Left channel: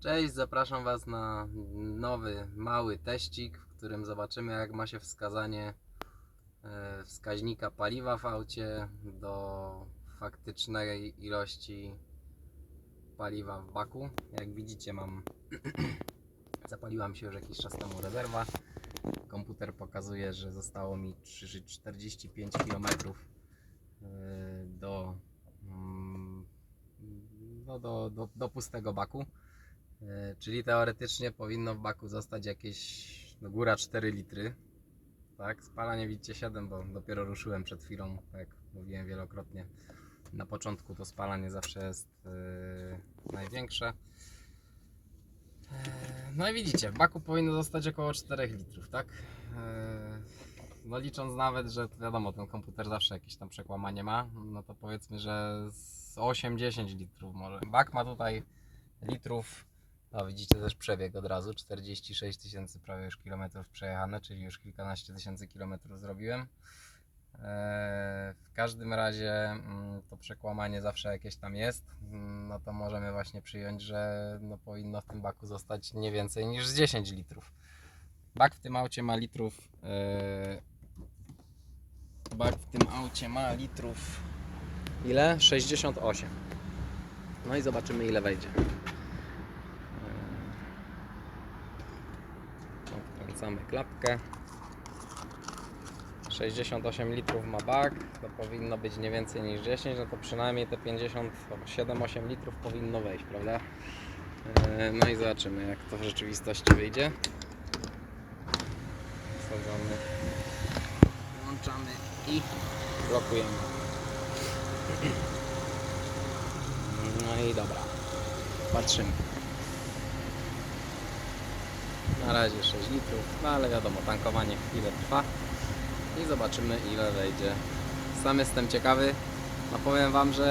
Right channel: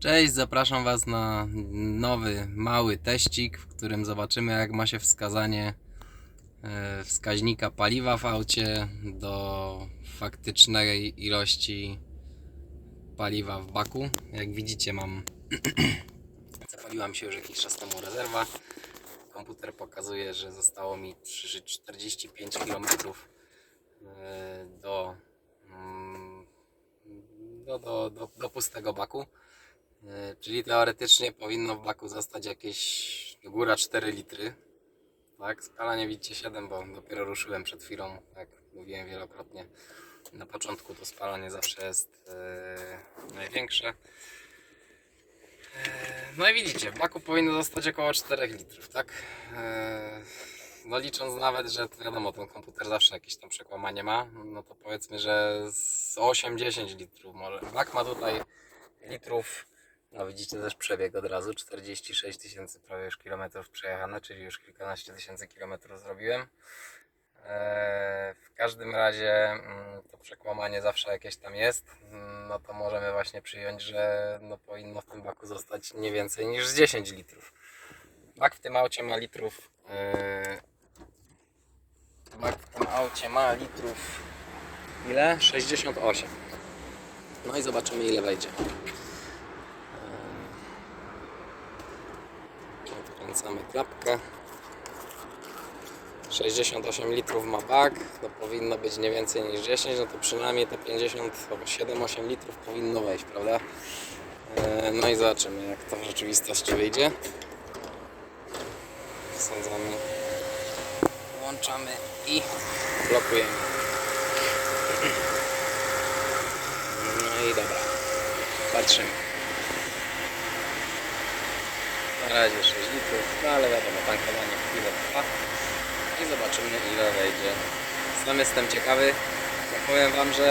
Cześć, zapraszam Was na nowy, mały teścik, w którym zobaczymy jak ma się wskazanie e, wskaźnika paliwa w aucie do faktycznej ilości paliwa w baku. Jak widzicie mam zapaliła się już jakiś czas temu rezerwa. Komputer pokazuje, że zostało mi 3 45 km do, mm, do, do, do, do pustego baku. E, Czyli teoretycznie powinno w baku zostać jakieś no góra 4 litry. Tak, spalanie widzicie 7, bo dopiero ruszyłem przed chwilą, jak mówiłem wielokrotnie. Na początku to spalanie zawsze jest e, największe. E, No i widzicie, w baku powinno zostać około 4 litrów, tak? E, No licząc nawet, że wiadomo, ten komputer zawsze jakieś tam przekłamanie ma, no to powiedzmy, że z 8-10 litrów może. Bak ma tutaj litrów no widzicie też przebieg od razu, 46 tysięcy prawie już kilometrów przejechane, czyli już kilkanaście tysięcy kilometrów zrobiłem. Eee, W każdym razie mm, to przekłamanie zawsze jakieś tam jest, Mm, no to możemy właśnie przyjąć, że no powinno w tym baku zostać nie więcej niż z 10 litrów. Bak w tym aucie ma litrów eee, Bak w tym aucie ma litrów ile? 68. No i zobaczymy ile wejdzie. Odkręcamy klapkę. 68 litrów ma bak, to powinno być nie więcej niż 10, no to przynajmniej te 57-8 litrów powinno wejść, prawda? E, No i zobaczymy jak to w rzeczywistości wyjdzie. Wsadzamy, włączamy i blokujemy. No i dobra, patrzymy. Na razie 6 litrów, no ale wiadomo, tankowanie chwilę trwa i zobaczymy ile wejdzie. Sam jestem ciekawy, no powiem Wam, że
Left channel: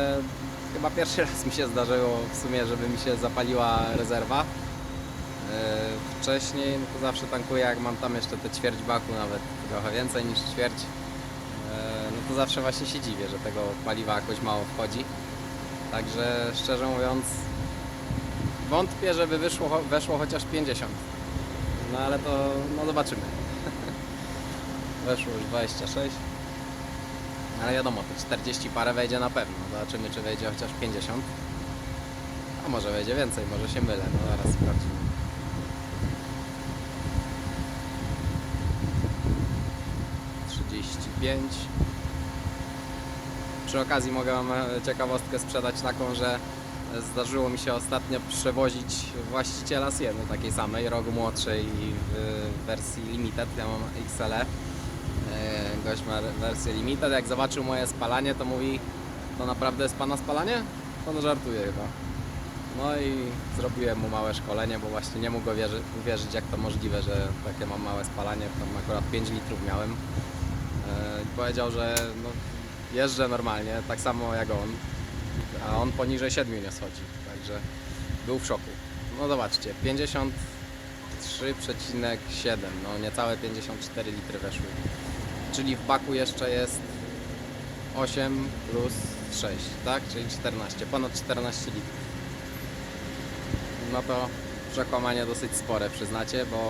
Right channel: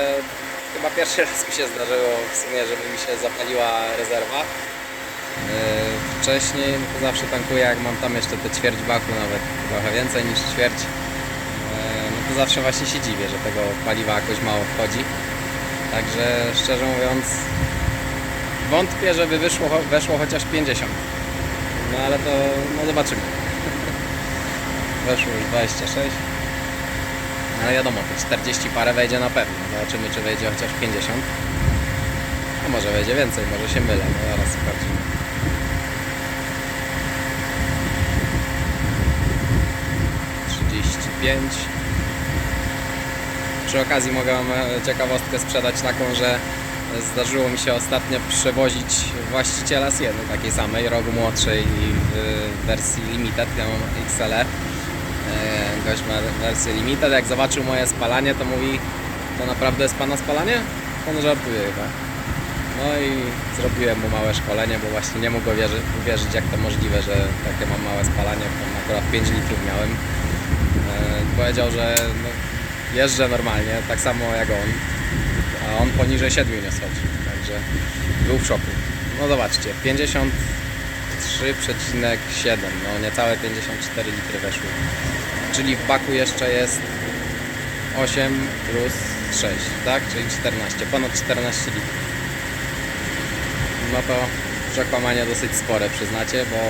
chyba pierwszy raz mi się zdarzyło w sumie, żeby mi się zapaliła rezerwa. Yy, Wcześniej no to zawsze tankuję, jak mam tam jeszcze te ćwierć baku, nawet trochę więcej niż ćwierć. Yy, No to zawsze właśnie się dziwię, że tego paliwa jakoś mało wchodzi. Także szczerze mówiąc, wątpię, żeby wyszło, weszło chociaż 50. No ale to no zobaczymy. Weszło już 26. Ale wiadomo, te 40 parę wejdzie na pewno. Zobaczymy, czy wejdzie chociaż 50. A może wejdzie więcej, może się mylę. No zaraz sprawdzimy. Przy okazji mogę Wam e, ciekawostkę sprzedać taką, że zdarzyło mi się ostatnio przewozić właściciela Sieny, takiej samej, rok młodszej w wersji Limited, ja mam XLE. Gość ma wersję Limited, jak zobaczył moje spalanie, to mówi, to naprawdę jest Pana spalanie? On żartuje chyba. No i zrobiłem mu małe szkolenie, bo właśnie nie mógł uwierzy, uwierzyć, jak to możliwe, że takie mam małe spalanie, tam akurat 5 litrów miałem. E, Powiedział, że no, jeżdżę normalnie, tak samo jak on, a on poniżej 7 nie schodzi, także był w szoku. No zobaczcie, 53,7, no niecałe 54 litry weszły. Czyli w baku jeszcze jest 8 plus 6, tak? Czyli 14, ponad 14 litrów. No to przekłamanie dosyć spore, przyznacie, bo yy,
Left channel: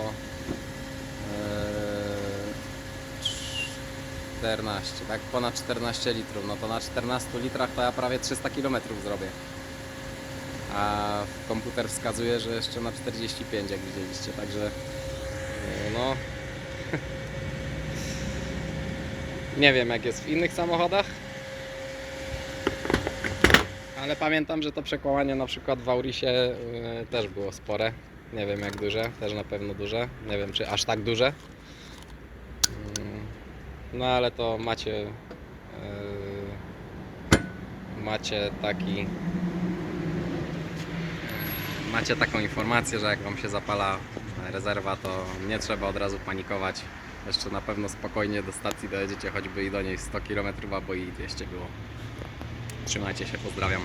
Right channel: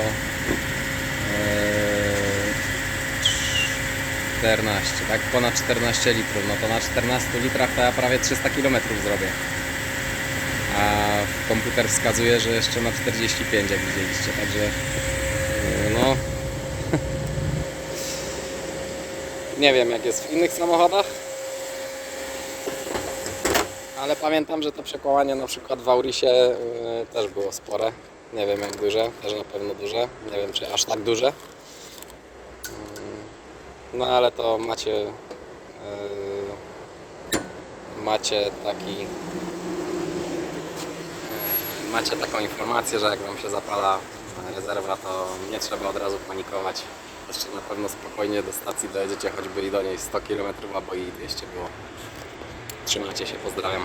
14, tak? Ponad 14 litrów. No to na 14 litrach to ja prawie 300 km zrobię. A komputer wskazuje, że jeszcze na 45, jak widzieliście, także yy, no. Nie wiem, jak jest w innych samochodach. Ale pamiętam, że to przekłamanie na przykład w Aurisie yy, też było spore. Nie wiem jak duże, też na pewno duże. Nie wiem czy aż tak duże. No ale to macie yy, macie taki yy, macie taką informację, że jak wam się zapala rezerwa, to nie trzeba od razu panikować. Jeszcze na pewno spokojnie do stacji dojedziecie choćby i do niej 100 km albo i 200 było. Trzymajcie się, pozdrawiam.